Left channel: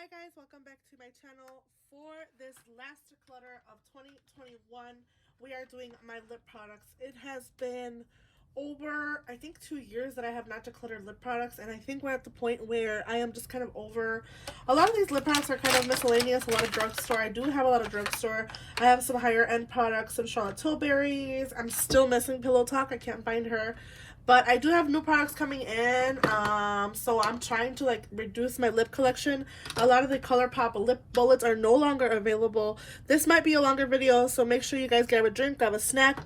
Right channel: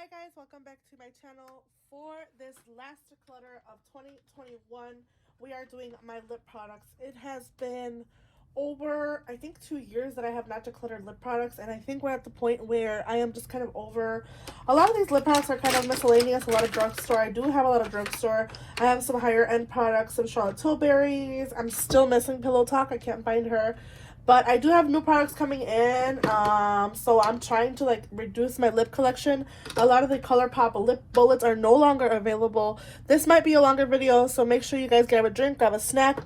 Hi guys, welcome back to my channel. For this last declutter of 2021, we are doing my lip products. It has been over, I think, 2 years that I have not decluttered lip products, and I think we're at the point where I am just kind of over. A lot of these lip products are kind of miscellaneous, a lot of drugstore. I do have a lot of drugstore. I have some higher end products, some Charlotte Tilbury's. I'm still missing Pillow Talk. I can't find her. But I do have new products coming in, so I'm trying to like reduce my lip collection. A lot of the Colourpop lip bullets are no longer available. This might be a longer video, so make sure you guys grab a drink, grab a snack.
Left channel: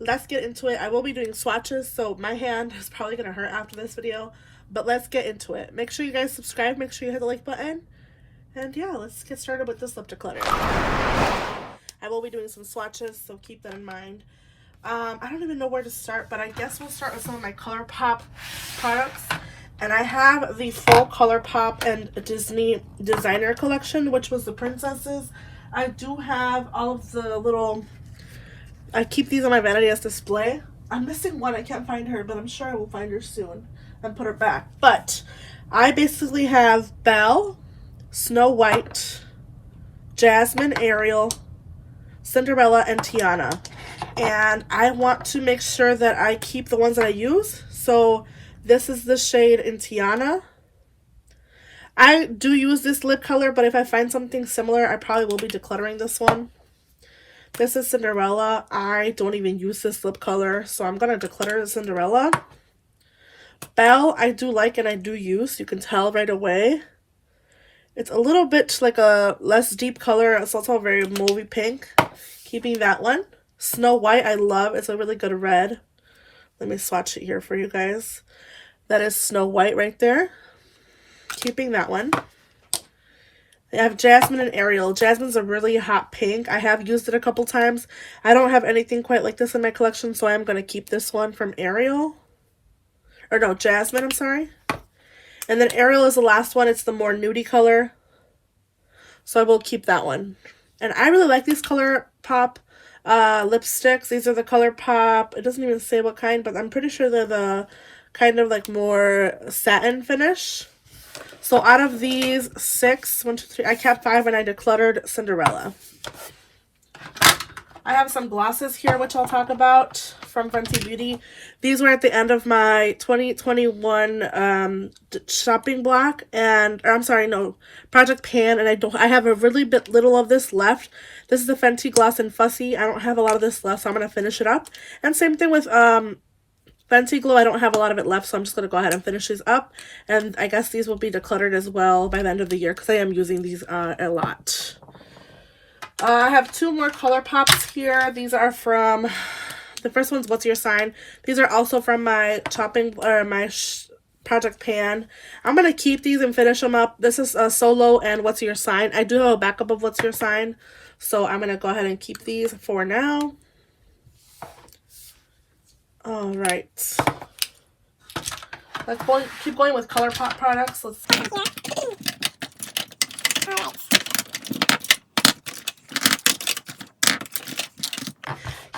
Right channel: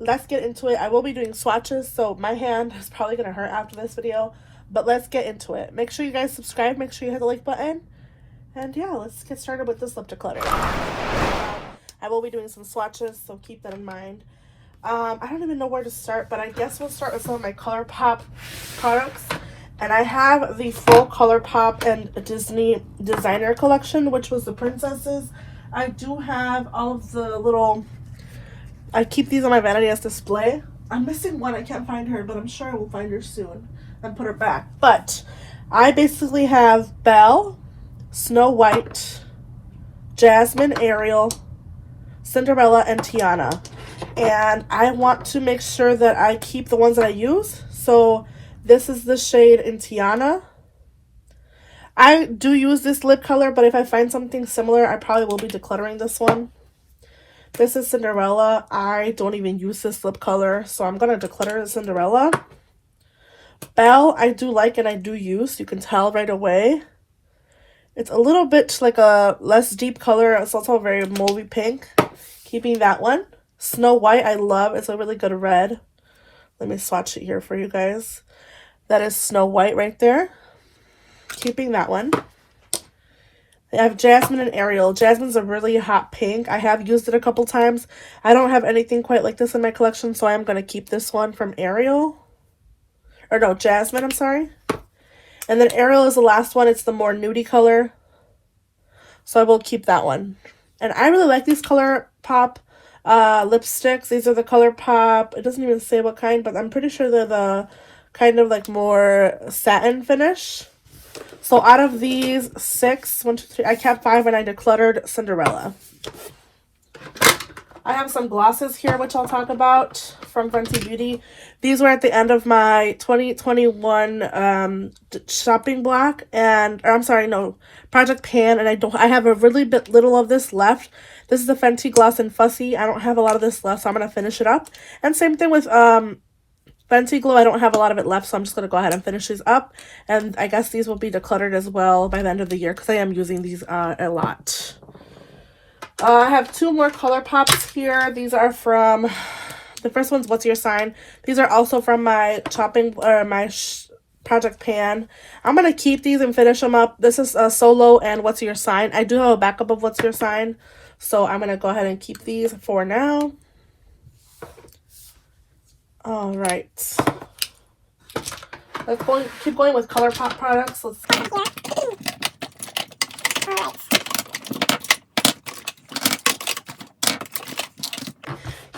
Let's get into it. I will be doing swatches, so my hand is probably going to hurt after this video. But let's get into it. Make sure you guys subscribe, make sure you hit the like button. And yeah, let's get started with this lip declutter. I will be doing some swatches, so keep that in mind. I don't even know where to start, but I guess we'll start with some of my Colourpop products. And I have the full Colourpop and Disney designer collection, which was the princesses. I do have all of the little, I keep these on my vanity as display. I'm missing one, I can't find her, but I'm sure I will find her soon and put her back. But I basically have Belle, Snow White, Jasmine, Ariel, Cinderella, and Tiana. And I want to make sure that I keep the ones that I use. So this is the shade in Tiana. I do use this lip color, but if I find something similar, I probably will be decluttering this one. This is Cinderella. I don't even use this lip color, so I'm going to declutter Cinderella. Belle, I do like and I do use. You can tell right away. It's a little bit like a less deep color. It's also very mauvey pink. Keeping that one. Snow White, I love. It's a really good red. Let me swatch it here for you guys. That is Snow White right there. Keeping that one. I have Jasmine and Ariel. Jasmine's a really hot pink. I have used it a couple times. I don't have anything quite like this in my collection, so I'm going to keep this one from Ariel. Or no, Jasmine, I'm sorry. And then Ariel is the last one. It's the more nudie color. So I will keep that one. And I really like these Colourpop lipsticks. These are the Colourpop. It doesn't even say what kind, but I'm pretty sure they're the kind of like more satin finish. So out of these 6, 1, 2, 3, I kept 5 and I decluttered Cinderella. I have some glosses here, which I'll talk about from Fenty Beauty. These were at the end of my 2021 shopping block, and or I'm sorry, no, project pan, and I have a really little of this left. This is the Fenty Gloss and Fussy. I don't have a lot of this left, so I'm going to finish it up. And same thing with Fenty Glow. I don't have a lot of it left, so I'm just going to go ahead and finish these up. And I guess these will be decluttered as well by the end of the year because I am using these a lot. I have 2 more Colourpops here. These are from, the first one's What's Your Sign. These are also from my project pan. I'm going to keep these and finish them up. This is Solo and What's Your Sign. I do have a backup of What's Your Sign. So I'm going to go ahead and keep these for now. All right. Let's keep going with Colourpop products. Let's see.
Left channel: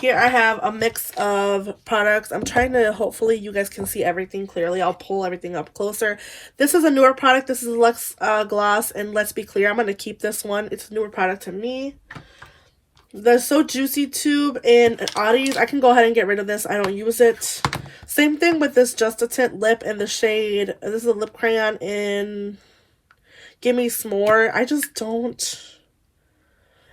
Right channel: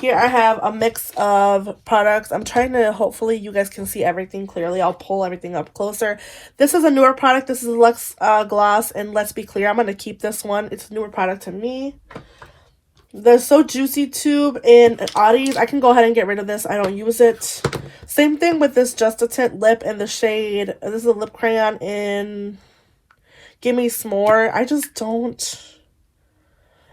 Here I have a mix of products. I'm trying to, hopefully you guys can see everything clearly. I'll pull everything up closer. This is a newer product. This is Luxe Gloss, and let's be clear, I'm going to keep this one. It's a newer product to me. The So Juicy tube in Audie's. I can go ahead and get rid of this. I don't use it. Same thing with this Just a Tint lip in the shade. This is a lip crayon in Gimme S'more. I just don't.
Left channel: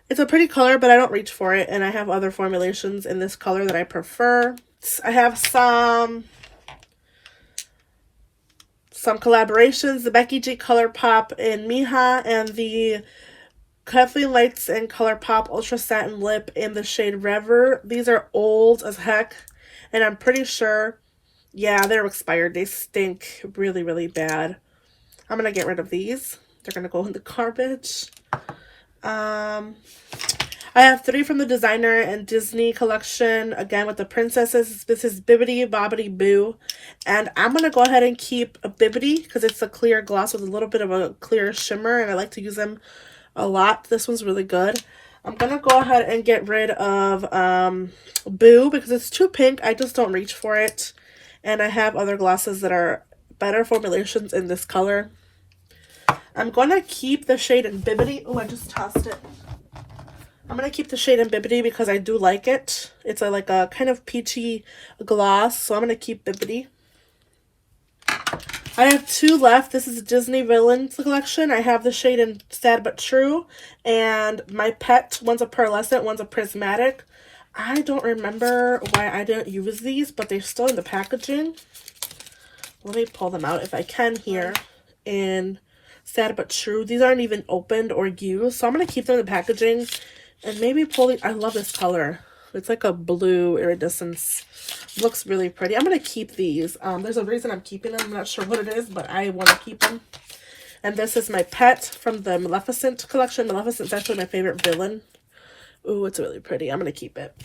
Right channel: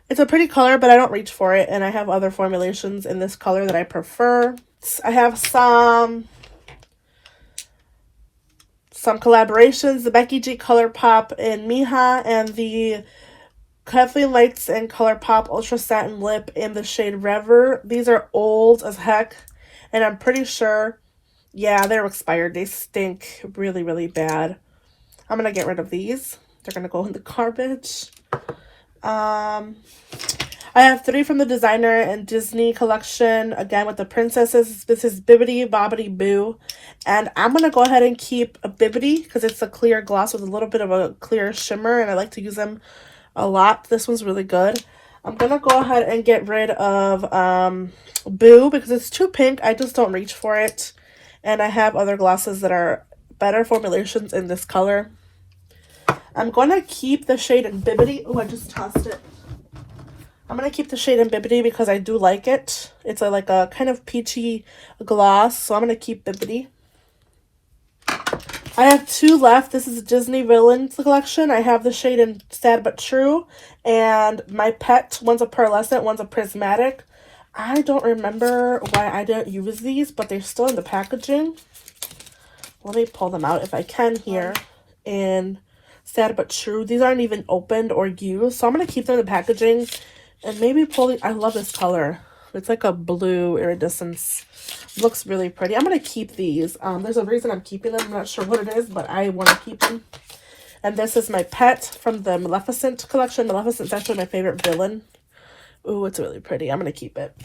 It's a pretty color, but I don't reach for it. And I have other formulations in this color that I prefer. I have some collaborations. The Becky G Colourpop in Miha and the Kathleen Lights and Colourpop Ultra Satin Lip in the shade Rever. These are old as heck. And I'm pretty sure, yeah, they're expired. They stink really, really bad. I'm going to get rid of these. They're going to go in the garbage. I have 3 from the designer and Disney collection, again with the princesses. This is Bibbidi Bobbidi Boo, and I'm going to go ahead and keep a Bibbidi because it's a clear gloss with a little bit of a clear shimmer, and I like to use them a lot. This one's really good. I'm going to go ahead and get rid of Boo because it's too pink. I just don't reach for it, and I have other glosses that are better formulations in this color. I'm going to keep the shade in Bibbidi. Oh, I just tossed it. I'm going to keep the shade in Bibbidi because I do like it. It's like a kind of peachy gloss, so I'm going to keep Bibbidi. I have 2 left. This is Disney Villains collection. I have the shade in Sad But True and My Pet. One's a pearlescent, one's a prismatic. I don't remember why I didn't use these, but they're still in the packaging. Let me pull them out if I can here. In Sad But True. These aren't even opened or used, so I'm going to keep them in the packaging and maybe pull the... I love this color. It's like a blue iridescence. Looks really pretty. I'm going to keep these. There's a reason I'm keeping them. I'm not sure what it is, but I want to keep them. And this is My Pet from the Maleficent collection. Maleficent's actually my favorite villain. Ooh, it's really pretty. I'm going to keep it.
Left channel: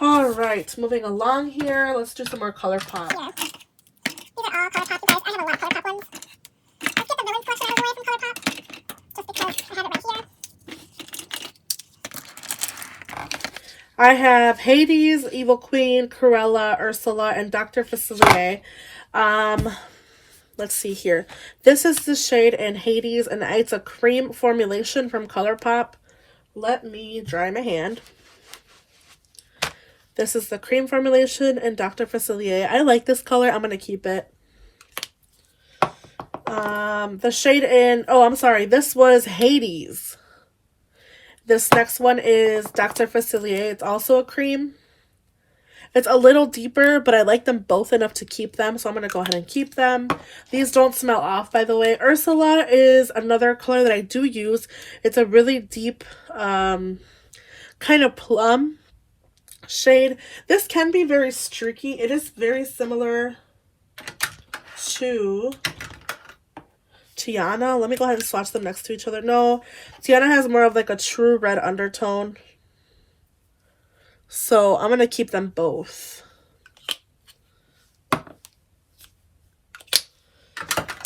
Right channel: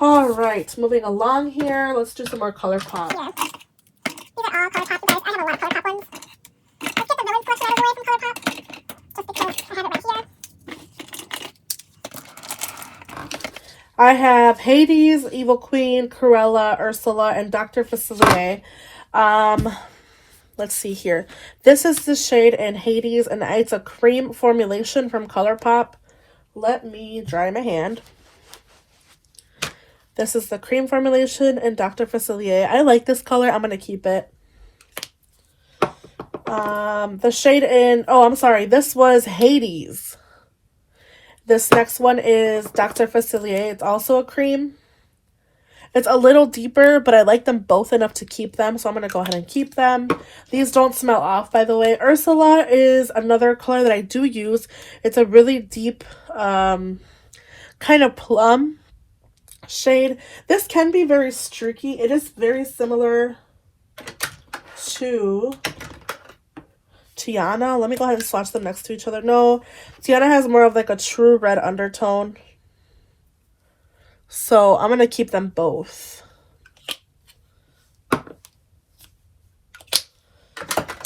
All right, moving along here. Let's do some more Colourpop. Yeah. These are all Colourpop, you guys. I have a lot of Colourpop ones. Let's get the Villains collection out of the way from Colourpop. Just because I have it right here. I have Hades, Evil Queen, Cruella, Ursula, and Dr. Facilier. Let's see here. This is the shade in Hades, and it's a cream formulation from Colourpop. Let me dry my hand. This is the cream formulation in Dr. Facilier. I like this color. I'm going to keep it. The shade in... Oh, I'm sorry. This was Hades. This next one is Dr. Facilier. It's also a cream. It's a little deeper, but I like them both enough to keep them, so I'm going to go ahead and keep them. These don't smell off, by the way. Ursula is another color that I do use. It's a really deep kind of plum shade. This can be very streaky. It is very similar to Tiana. Let me go ahead and swatch them next to each other. No, Tiana has more of like a true red undertone. So I'm going to keep them both.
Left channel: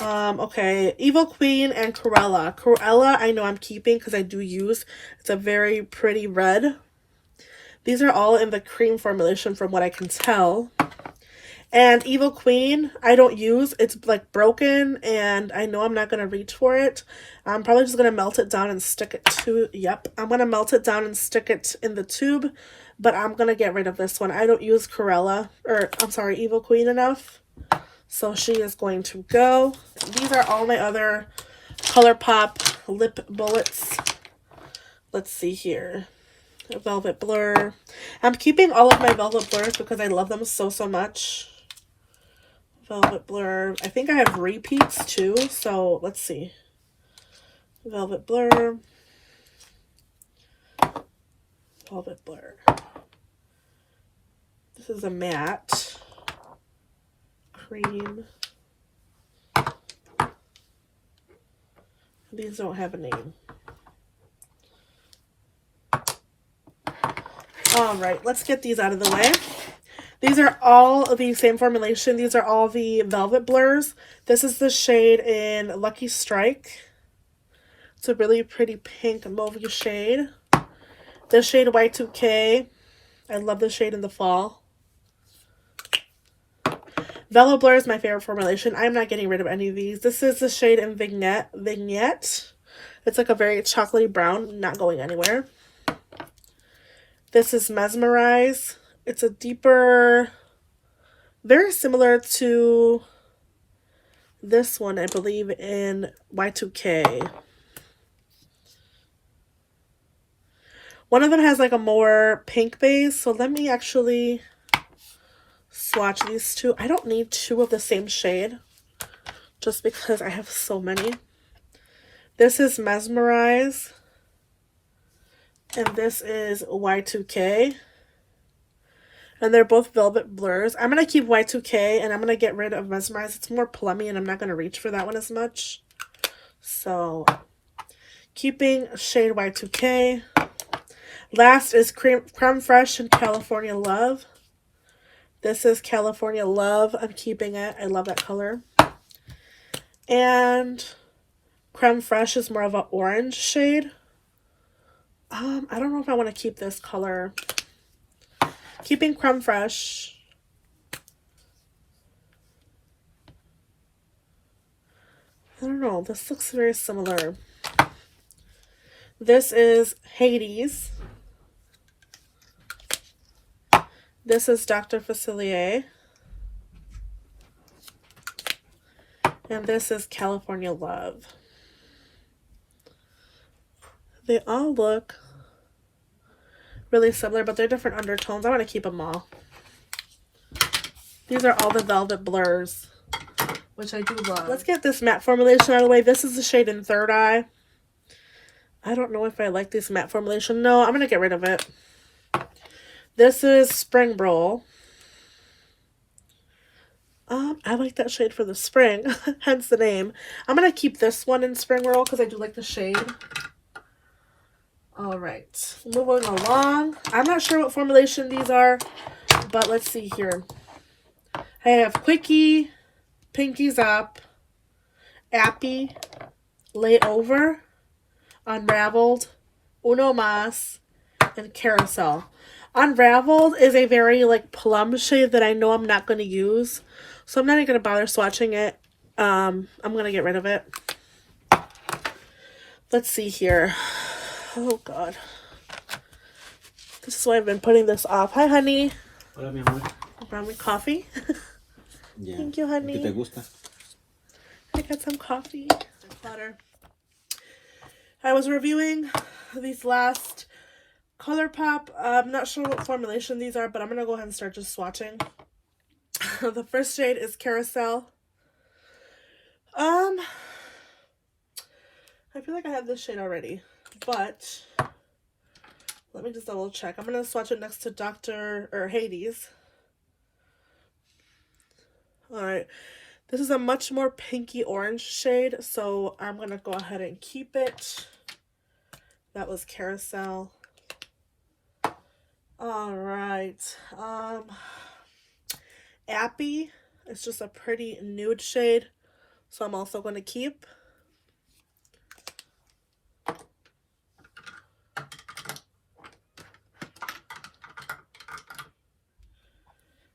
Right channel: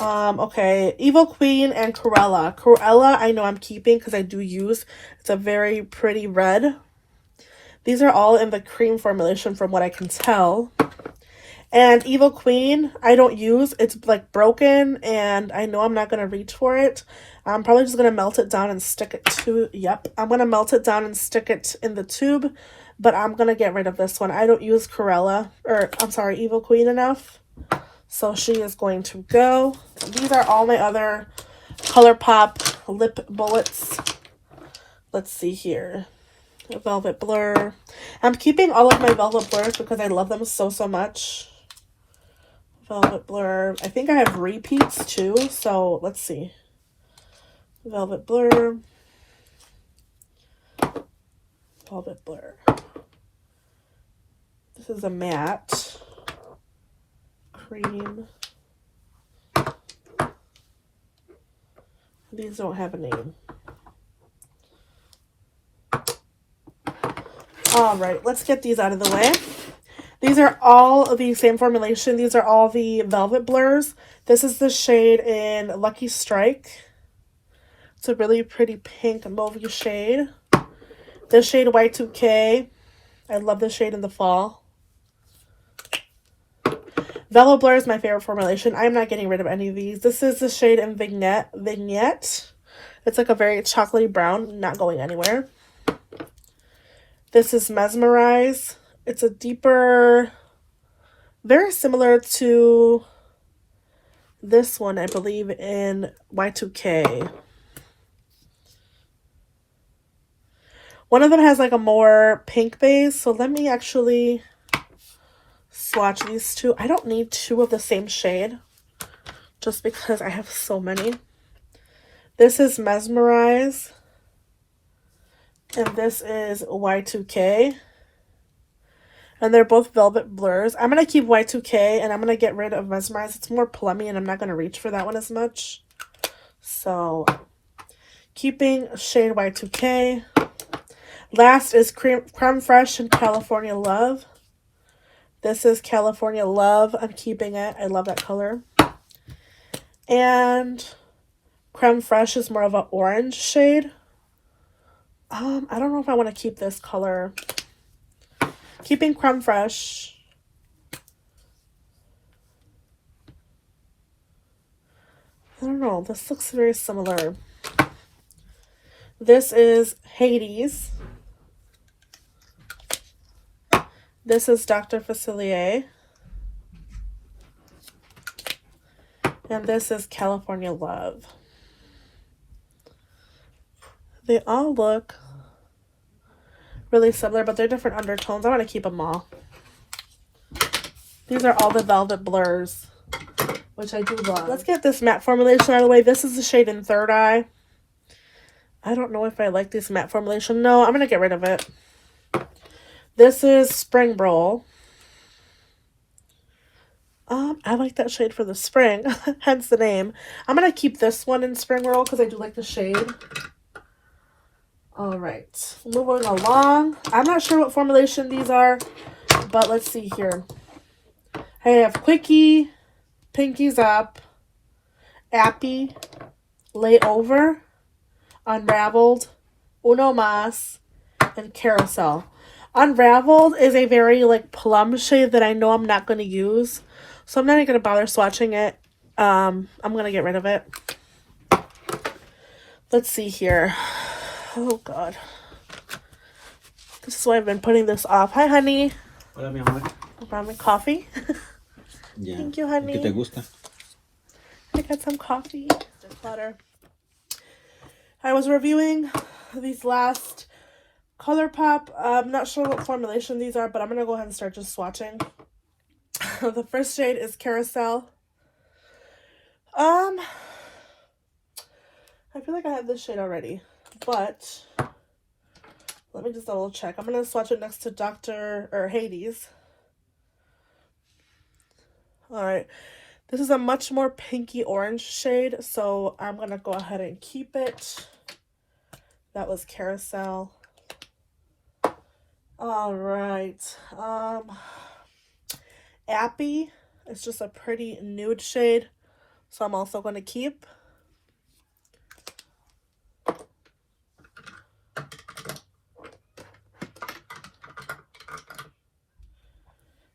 Okay, Evil Queen and Cruella. Cruella, I know I'm keeping because I do use. It's a very pretty red. These are all in the cream formulation from what I can tell. And Evil Queen, I don't use. It's like broken, and I know I'm not going to reach for it. I'm probably just going to melt it down and stick it to... Yep, I'm going to melt it down and stick it in the tube. But I'm going to get rid of this one. I don't use Cruella, or I'm sorry, Evil Queen enough. So she is going to go. These are all my other Colourpop lip bullets. Let's see here. Velvet Blur. I'm keeping all of my Velvet Blurs because I love them so much. Velvet Blur. I think I have repeats too, so let's see. Velvet Blur. Velvet Blur. This is a matte cream. These don't have a name. All right, let's get these out of the way. These are all the same formulation. These are all the Velvet Blurs. This is the shade in Lucky Strike. It's a really pretty pink mauve shade. This shade Y2K. I love this shade in the fall. Velvet Blur is my favorite formulation. I'm not getting rid of any of these. This is the shade in Vignette. It's like a very chocolatey brown, not going anywhere. This is Mesmerize. It's a deeper, very similar to this one, I believe, in Y2K. One of them has like a more pink base, so let me actually swatch these two. I don't need two of the same shade, just because I have so many. This is Mesmerize. And this is Y2K. And they're both Velvet Blurs. I'm going to keep Y2K and I'm going to get rid of Mesmerize. It's more plummy and I'm not going to reach for that one as much. So, keeping shade Y2K. Last is Creme Fresh and California Love. This is California Love. I'm keeping it. I love that color. And Creme Fresh is more of an orange shade. I don't know if I want to keep this color. Keeping Creme Fresh. I don't know. This looks very similar. This is Hades. This is Dr. Facilier. And this is California Love. They all look really similar, but they're different undertones. I'm going to keep them all. These are all the Velvet Blurs, which I do love. Let's get this matte formulation out of the way. This is the shade in Third Eye. I don't know if I like this matte formulation. No, I'm going to get rid of it. This is Spring Roll. I like that shade for the spring, hence the name. I'm going to keep this one in Spring Roll because I do like the shade. All right, moving along. I'm not sure what formulation these are, but let's see here. I have Quickie, Pinkies Up, Appy, Layover, Unraveled, Uno Mas, and Carousel. Unraveled is a very like plum shade that I know I'm not going to use, so I'm not even going to bother swatching it. I'm going to get rid of it. Let's see here. Oh God, this is why I've been putting this off. Hi, honey. Hola, mi amor. I brought me coffee. Yeah. Thank you, honey. ¿Qué te gusta? I got some coffee. Declutter. I was reviewing these last Colourpop. I'm not sure what formulation these are, but I'm going to go ahead and start just swatching. The first shade is Carousel. I feel like I have this shade already, but let me just double check. I'm going to swatch it next to Hades. Alright, this is a much more pinky orange shade, so I'm going to go ahead and keep it. That was Carousel. Alright, Appy is just a pretty nude shade, so I'm also going to keep.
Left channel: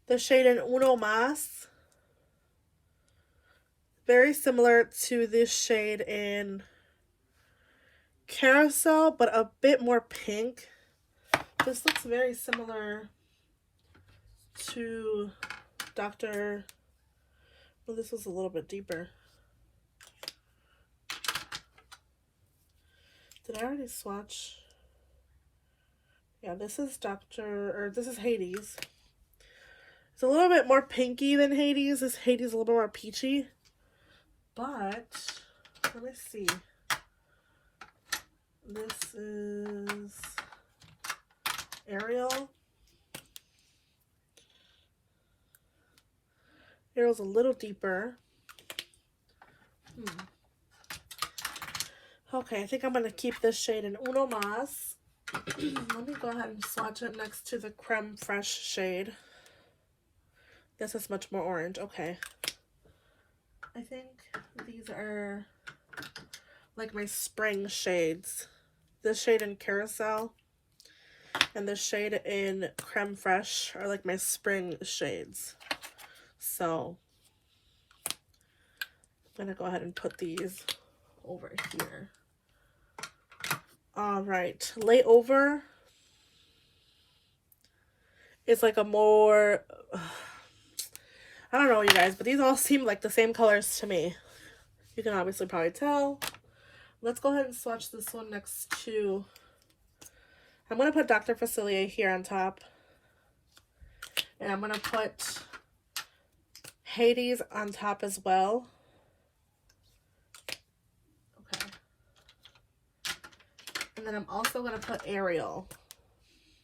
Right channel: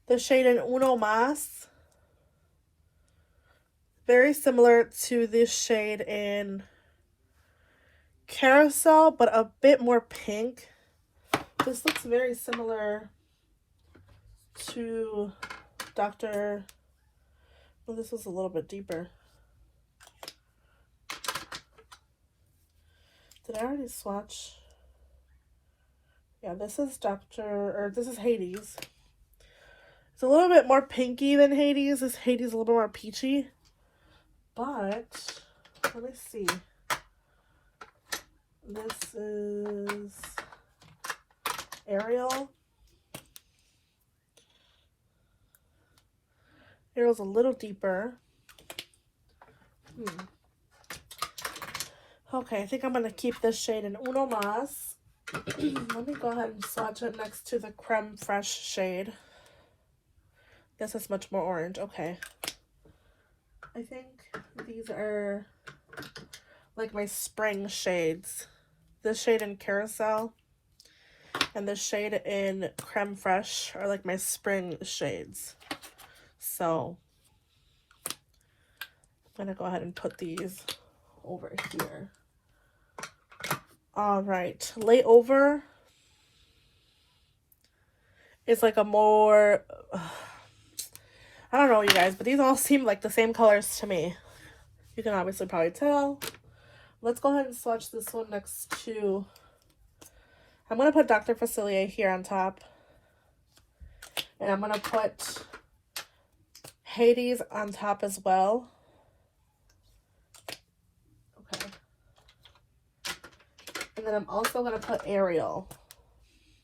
The shade in Uno Mas. Very similar to this shade in Carousel, but a bit more pink. This looks very similar to Dr. Well, this is a little bit deeper. Did I already swatch? Yeah, this is this is Hades. It's a little bit more pinky than Hades. This Hades is a little more peachy. But, let me see. This is Ariel. Ariel's a little deeper. Okay, I think I'm going to keep this shade in Uno Mas. Let me go ahead and swatch it next to the Creme Fraiche shade. This is much more orange. Okay. I think these are like my spring shades. This shade in Carousel and this shade in Creme Fraiche are like my spring shades. So I'm gonna go ahead and put these over here. All right, Layover is like a more I don't know, you guys, but these all seem like the same colors to me. You can obviously probably tell. Let's go ahead and swatch this one next to... I'm going to put Dr. Facilier here on top. And I'm going to put Hades on top as well. Okay. And then I'm also going to put Ariel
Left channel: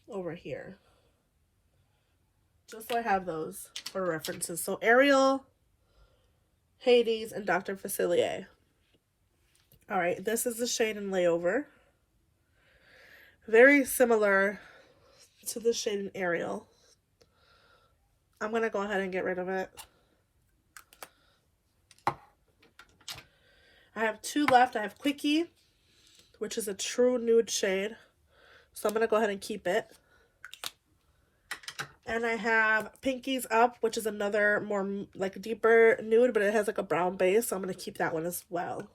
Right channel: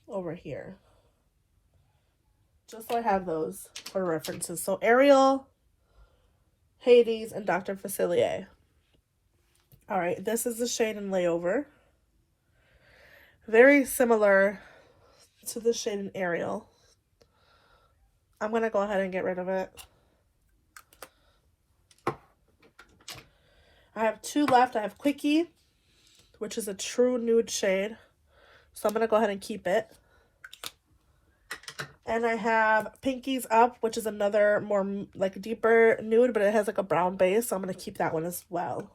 over here. Just so I have those for references. So Ariel, Hades, and Dr. Facilier. Alright, this is the shade in Layover. Very similar to the shade in Ariel. I'm going to go ahead and get rid of it. I have two left. I have Quickie, which is a true nude shade. So I'm going to go ahead and keep it. And I have Pinkies Up, which is another more like deeper nude, but it has like a brown base, so I'm going to keep that one as well.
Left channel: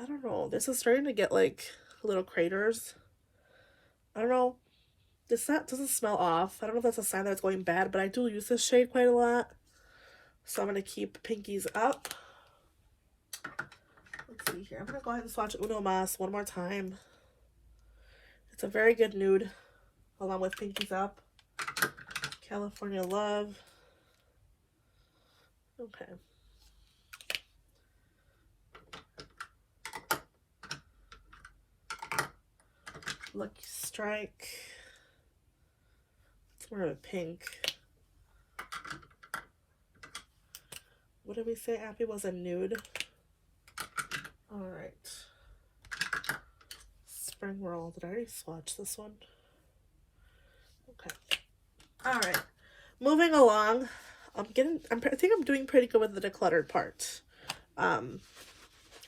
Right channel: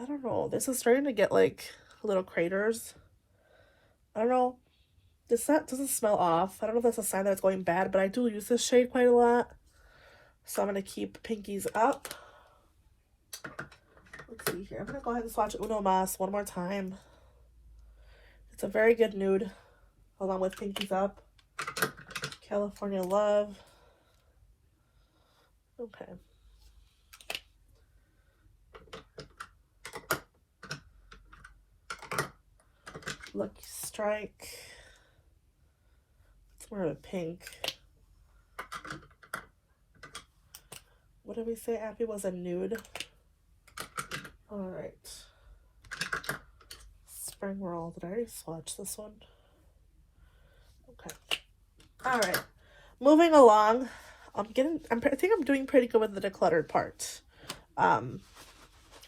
I don't know. This is starting to get like little craters. I don't know. This set doesn't smell off. I don't know if that's a sign that it's going bad, but I do use this shade quite a lot. So I'm going to keep Pinkies Up. Let's see here. I'm going to go ahead and swatch Uno Mas one more time. It's a very good nude, along with Pinkies Up. California Love. Okay. Lucky Strike. It's more of a pink. What did we say Appy was a nude? Alright. Spring Roll. Did I already swatch this one? Okay. Alright. Moving along. I think I'm doing pretty good with the decluttered part. I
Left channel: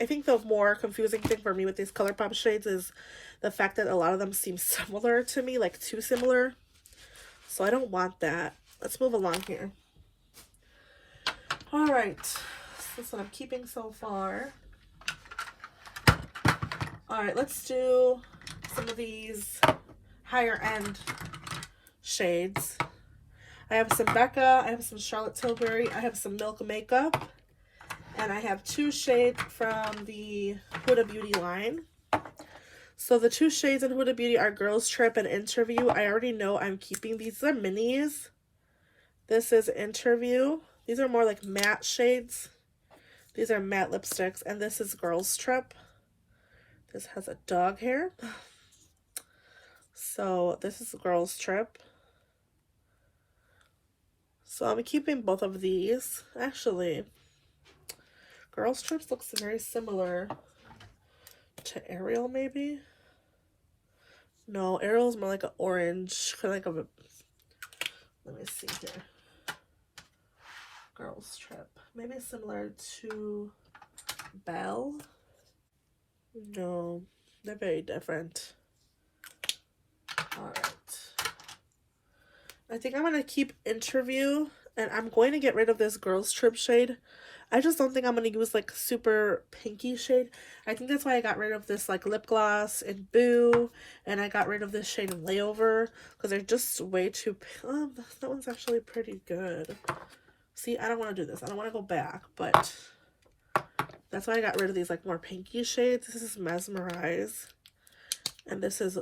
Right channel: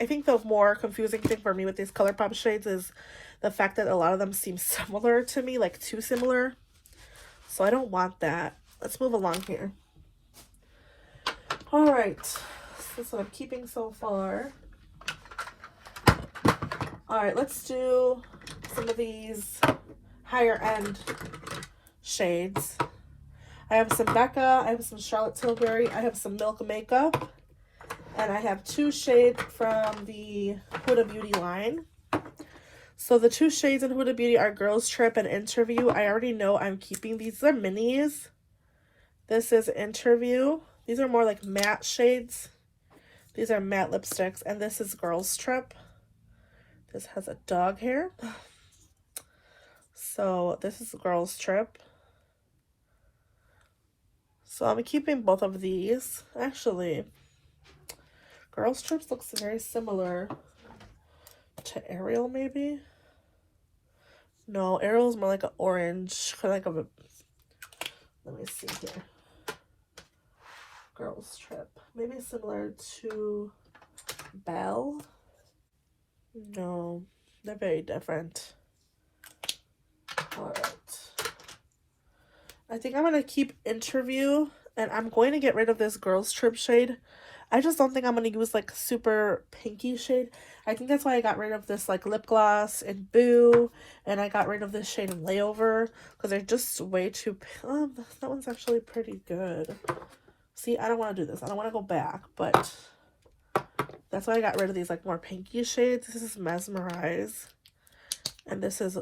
think the more confusing thing for me with these Colourpop shades is the fact that a lot of them seem similar to me, like too similar. So I don't want that. Let's move along here. All right, that's what I'm keeping so far. All right, let's do some of these higher end shades. I have some Becca, I have some Charlotte Tilbury, I have some Milk Makeup, and I have 2 shades from the Huda Beauty line. So the 2 shades in Huda Beauty are Girls Trip and Interview. I already know I'm keeping these. These are minis. This is Interview. These are more like matte shades. These are matte lipsticks, and this is Girls Trip. This has a dog hair. So this is Girls Trip. So I'm keeping both of these. Actually, Girls Trip looks very similar to Ariel, maybe. No, Ariel's more like an orange, kind of like a. Let me see here. Girls Trip, maybe similar to Belle. No, they're very different. All right. I think I'm going to keep Interview, and I'm going to get rid of this Girls Trip shade. I just don't think I'm going to use like super pinky shade. I think that's why I got rid of this like lip gloss in Boo, and I got rid of this shade in Layover, because they're just way too, that one's actually pretty good. See, I don't want to do this. I don't want to go back, but that's why I got rid of these like more pinky shades. This is Mesmerize, and this is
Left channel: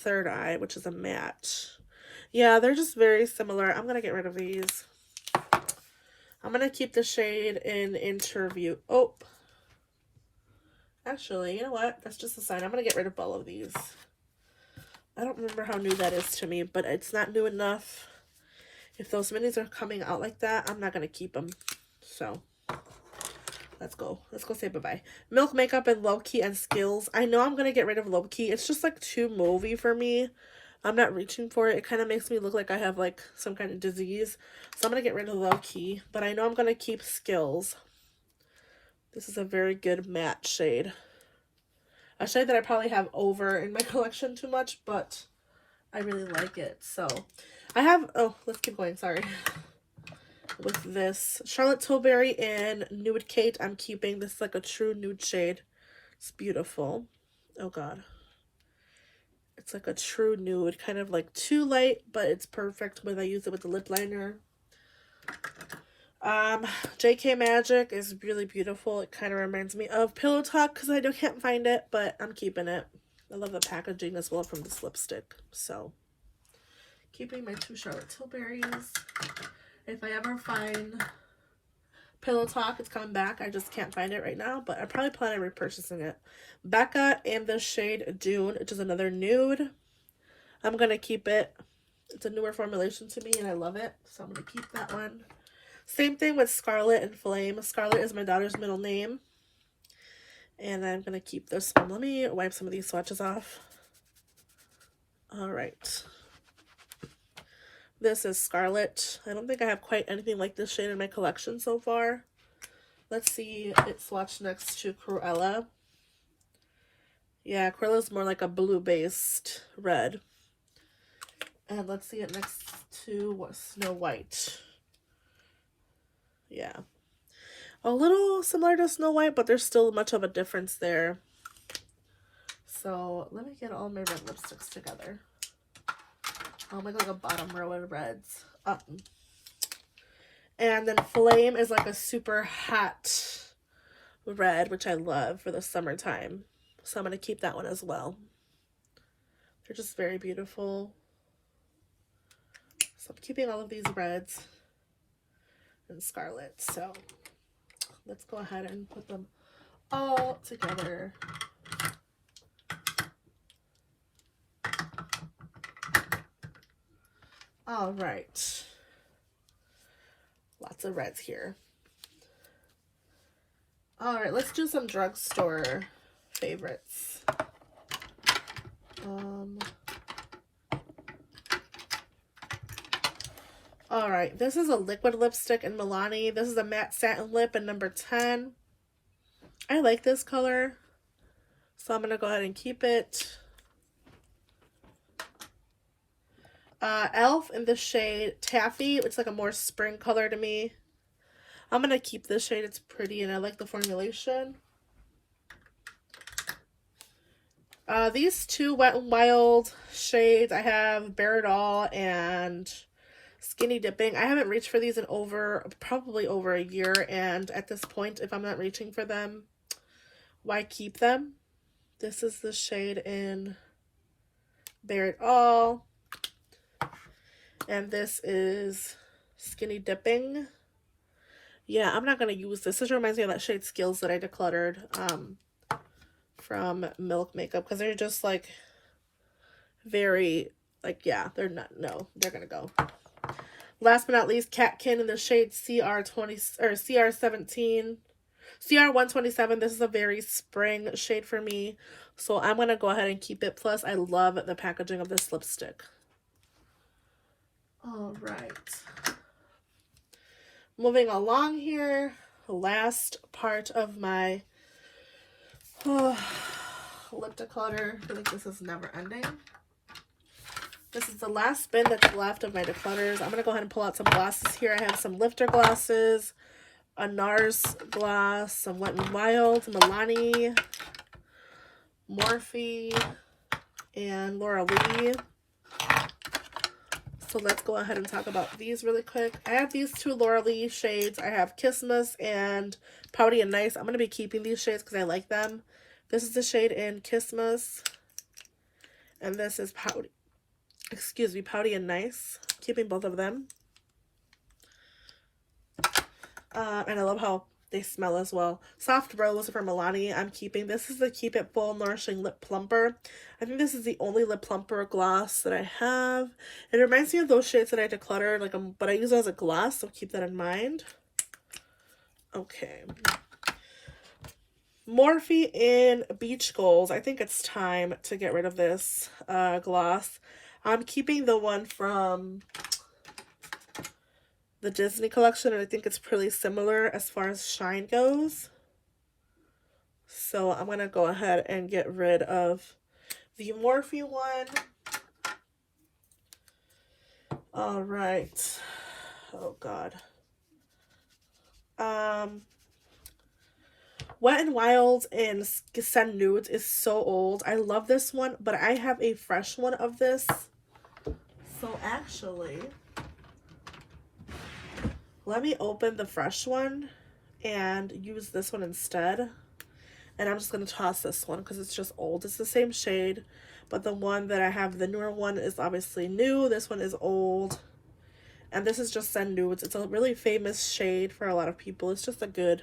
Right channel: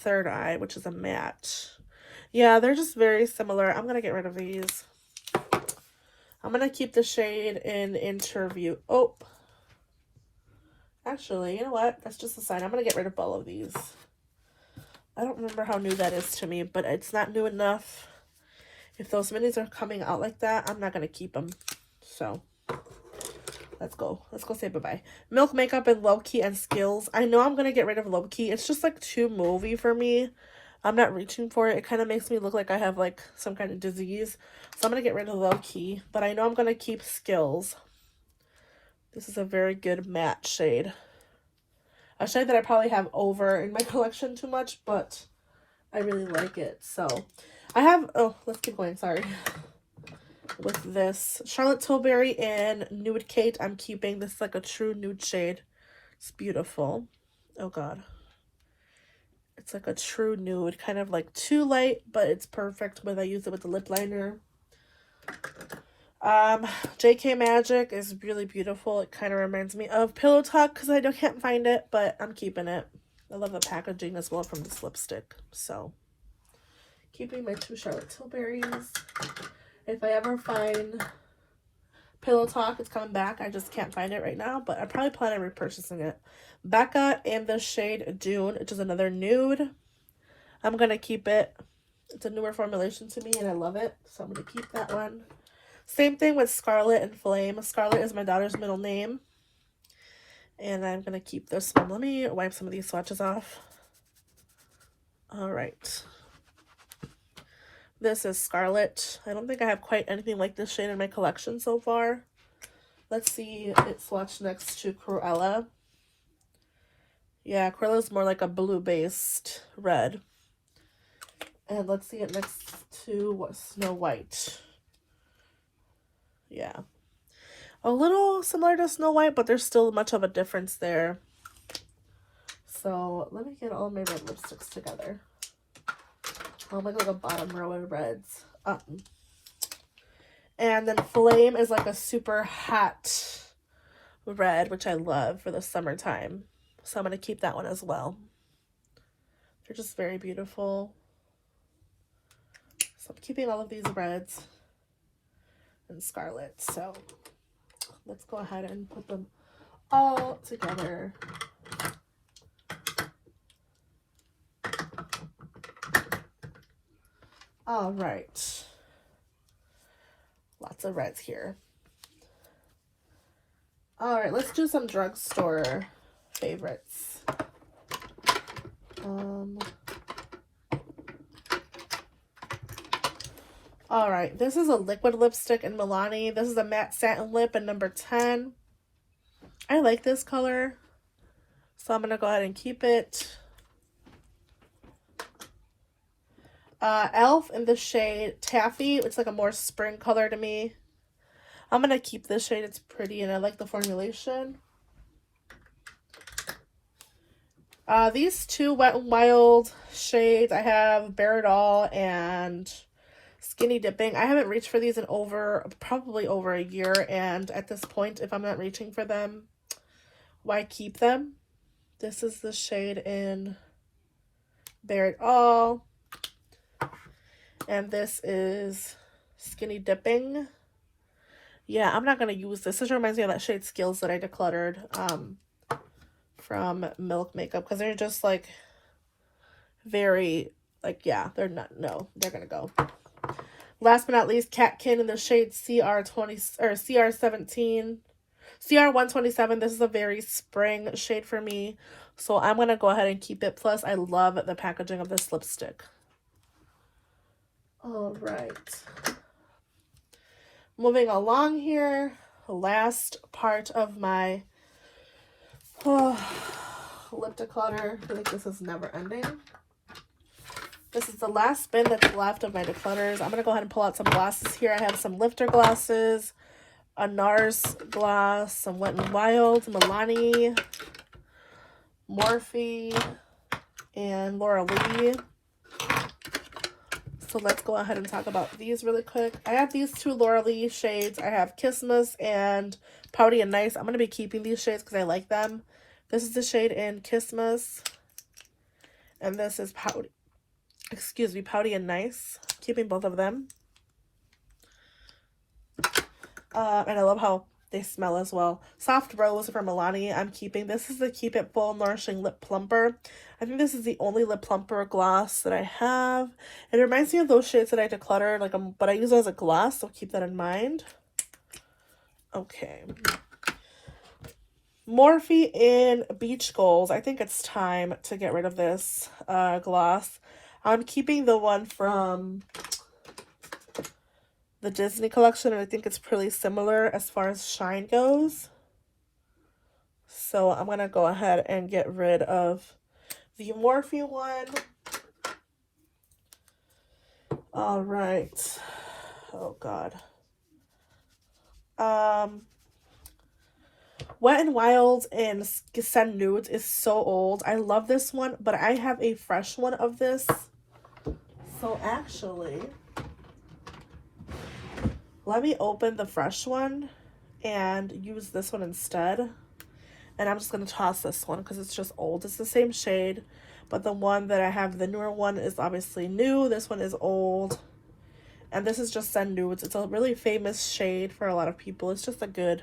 Third Eye, which is a matte. Yeah, they're just very similar. I'm going to get rid of these. I'm going to keep the shade in Interview. Oh, actually, you know what? That's just a sign. I'm going to get rid of all of these. I don't remember how new that is to me, but it's not new enough. If those minis are coming out like that, I'm not going to keep them. So, let's go. Let's go say bye-bye. Milk Makeup and Low Key and Skills. I know I'm going to get rid of Low Key. It's just like too mauvey for me. I'm not reaching for it. It kind of makes me look like I have like some kind of disease. So I'm going to get rid of Low Key. But I know I'm going to keep Skills. This is a very good matte shade. A shade that I probably have over in my collection too much, but I really like it. So I have, oh, let's keep going. Sorry. With this Charlotte Tilbury and Nude Kate, I'm keeping this like a true nude shade. It's beautiful. Oh God. It's like a true nude, kind of like too light, but it's perfect when I use it with the lip liner. JK Magic is really beautiful. It kind of reminds me of Pillow Talk because I can't find it, but I'm keeping it. I love the packaging as well from this lipstick. So, keeping my 2 Charlotte Tilburys. If I ever find Pillow Talk, it's coming back. I just can't find it right now, but I probably plan on repurchasing it. Becca in the shade Dune, which is another nude. I'm going to keep it. It's a newer formulation to me, and I love it, so I'm going to keep that one. Same thing with Scarlet and Flame. Scarlet is my daughter's middle name, and I'm going to keep this one. Let me wipe some of these swatches off. All right. This is Scarlet. I don't think I have quite anything like this shade in my collection so far. Let's see it swatched next to Cruella. Yeah, Cruella's more like a blue-based red. And let's see it next to Snow White. Yeah. A little similar to Snow White, but there's still much of a difference there. So let me get all my red lipsticks together. I'll make like a bottom row of reds. And then Flame is like a super hot red, which I love for the summertime. So I'm going to keep that one as well. They're just very beautiful. So I'm keeping all of these reds and scarlet. So let's go ahead and put them all together. All right. Lots of reds here. All right, let's do some drugstore favorites. All right, this is a liquid lipstick in Milani. This is a matte satin lip in number 10. I like this color, so I'm gonna go ahead and keep it. Elf in the shade Taffy, which is like a more spring color to me. I'm gonna keep this shade. It's pretty and I like the formulation. These two Wet n Wild shades, I have Bare It All and Skinny Dipping. I haven't reached for these in probably over a year, and at this point, if I'm not reaching for them, why keep them? This is the shade in Bare It All. And this is Skinny Dipping. Yeah, I'm not going to use this. This reminds me of that shade Skills that I decluttered from Milk Makeup, because they're just like very, like, yeah, they're not, no, they're going to go. Last but not least, Catkin in the shade CR127. This is a very spring shade for me, so I'm going to go ahead and keep it. Plus, I love the packaging of this lipstick. All right. Moving along here, the last part of my lip declutter. I think this is never ending. This is the last bin that's left of my declutters. I'm going to go ahead and pull out some glasses here. I have some lifter glasses, a NARS glass, some Wet n Wild, Milani, Morphe, and Laura Lee. So let's go ahead and talk about these really quick. I have these two Laura Lee shades. I have Kissmas and Pouty and Nice. I'm going to be keeping these shades because I like them. This is the shade in Kissmas. And this is Pouty and Nice. Keeping both of them. And I love how they smell as well. Soft Rose from Milani, I'm keeping. This is the Keep It Full Nourishing Lip Plumper. I think this is the only lip plumper gloss that I have. It reminds me of those shades that I decluttered, but I use it as a gloss, so keep that in mind. Okay. Morphe in Beach Goals. I think it's time to get rid of this gloss. I'm keeping the one from the Disney collection, and I think it's pretty similar as far as shine goes. So I'm going to go ahead and get rid of the Morphe one. All right. Oh, God. Wet n Wild in Send Nudes is so old. I love this one, but I have a fresh one of this. So actually, let me open the fresh one and use this one instead. And I'm just going to toss this one because it's just old. It's the same shade, but the one that I have, the newer one, is obviously new. This one is old. And this is just Send Nudes. It's a really famous shade for a lot of people. It's just a good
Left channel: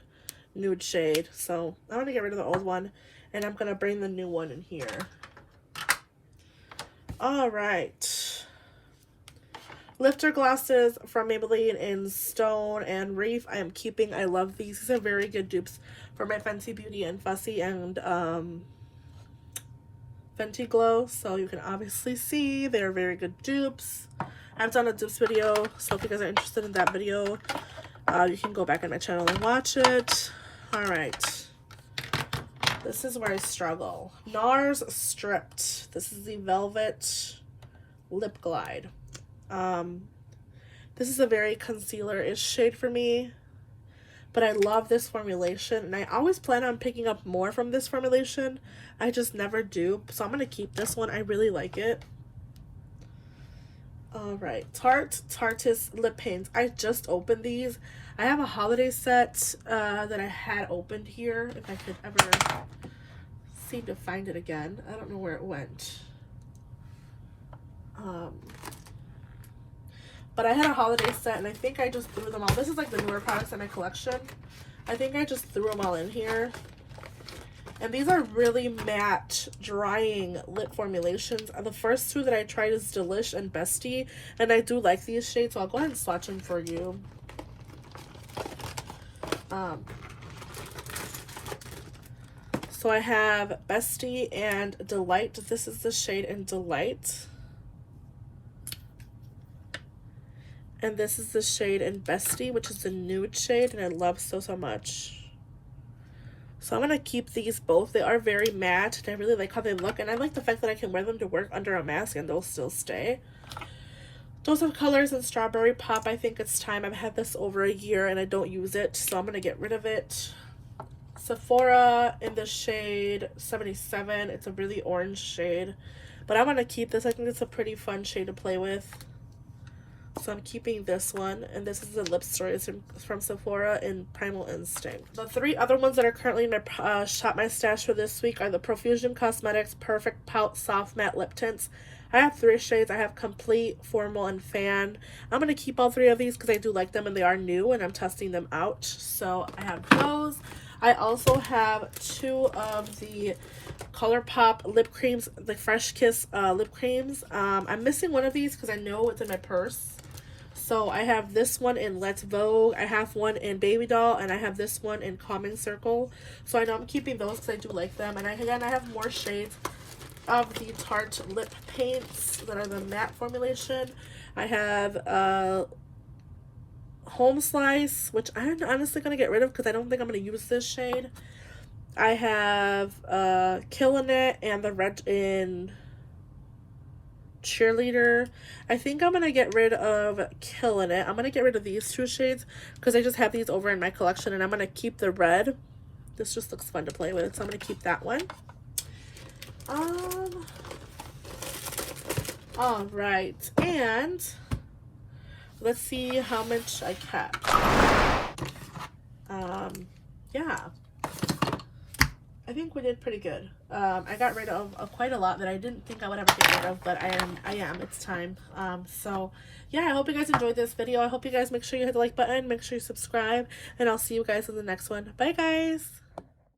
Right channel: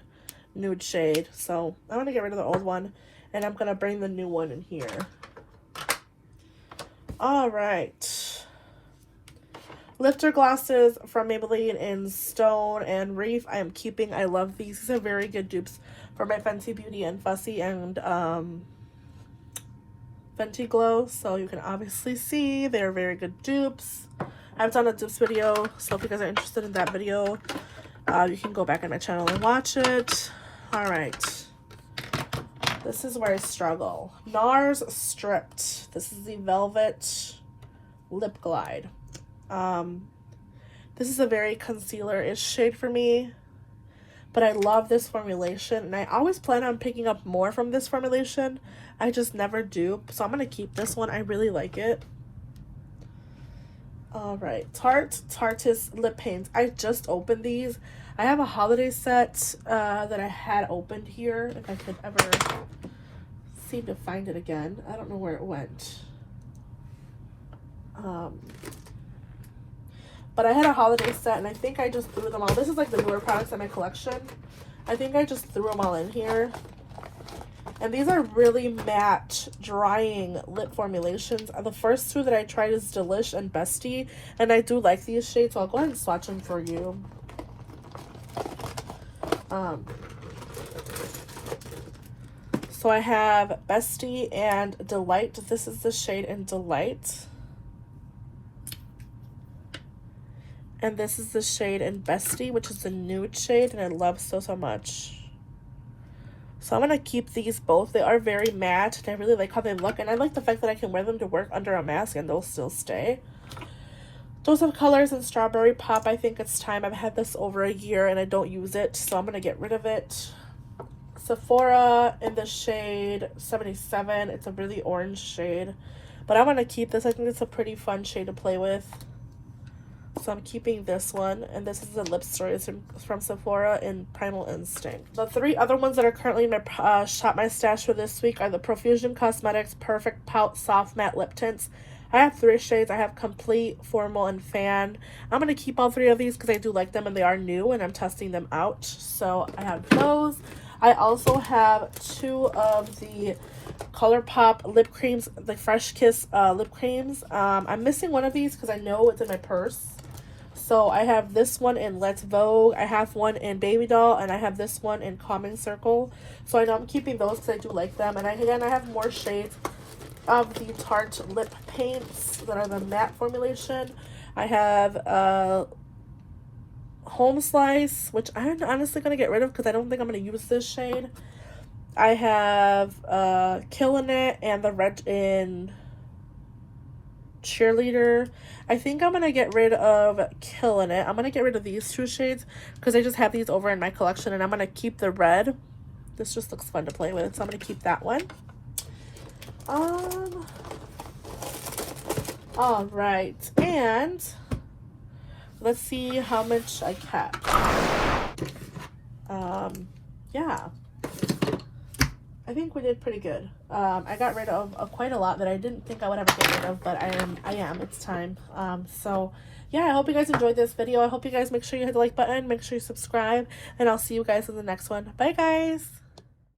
nude shade. So I'm going to get rid of the old one, and I'm going to bring the new one in here. All right. Lifter glasses from Maybelline in Stone and Reef. I am keeping. I love these. These are very good dupes for my Fenty Beauty and Fussy and Fenty Glow. So you can obviously see they're very good dupes. I've done a dupes video, so if you guys are interested in that video, you can go back on my channel and watch it. All right. This is where I struggle. NARS Stripped. This is the Velvet Lip Glide. This is a very concealer-ish shade for me, but I love this formulation, and I always plan on picking up more from this formulation. I just never do, so I'm going to keep this one. I really like it. Alright, Tarte's Lip Paints. I just opened these. I have a holiday set that I had opened here, if I could ever seem to find it again. I don't know where it went. But I had a holiday set, and I think I just threw them all. This is like the newer products in my collection. I think I just threw them all in here. And these are really matte, drying lip formulations. The first two that I tried is Delish and Bestie, and I do like these shades, so I'll go ahead and swatch them for you. So I have Bestie and Delight. This is the shade in Delight. And this is the shade in Bestie, which is a nude shade, and I love so much. So I'm going to keep these both. They are very matte, and I really like how they look. And I like the fact that I can wear them to work under a mask, and they'll still stay. Dose of Colors and Strawberry Pop. I think it's time. I've had this over a year, and I don't use it, so I'm going to get rid of it. Sephora in the shade 77. It's a really orange shade. But I want to keep this. I think it's a pretty fun shade to play with. So I'm keeping this one, and this is the lip stories from Sephora in Primal Instinct. The three other ones that are currently in my Shop My Stash for this week are the Profusion Cosmetics Perfect Pout Soft Matte Lip Tints. I have three shades. I have Complete, Formal, and Fan. I'm going to keep all three of these because I do like them, and they are new, and I'm testing them out. So I have those. I also have two of the Colourpop lip creams, the Fresh Kiss lip creams. I'm missing one of these because I know it's in my purse. So I have this one in Let's Vogue, I have one in Baby Doll, and I have this one in Calming Circle. So I know I'm keeping those because I do like them. And again, I have more shades of the Tarte lip paints that are the matte formulation. I have Home Slice, which I'm honestly going to get rid of because I don't think I'm going to use this shade. I have Killin' It and the red in Cheerleader. I think I'm going to get rid of Killin' It. I'm going to get rid of these two shades because I just have these over in my collection, and I'm going to keep the red. This just looks fun to play with, so I'm going to keep that one. All right, and let's see how much I kept. Yeah, I think we did pretty good. I got rid of quite a lot that I didn't think I would ever get rid of, but I am. It's time. So yeah, I hope you guys enjoyed this video. I hope you guys make sure you hit the like button, make sure you subscribe, and I'll see you guys in the next one. Bye, guys.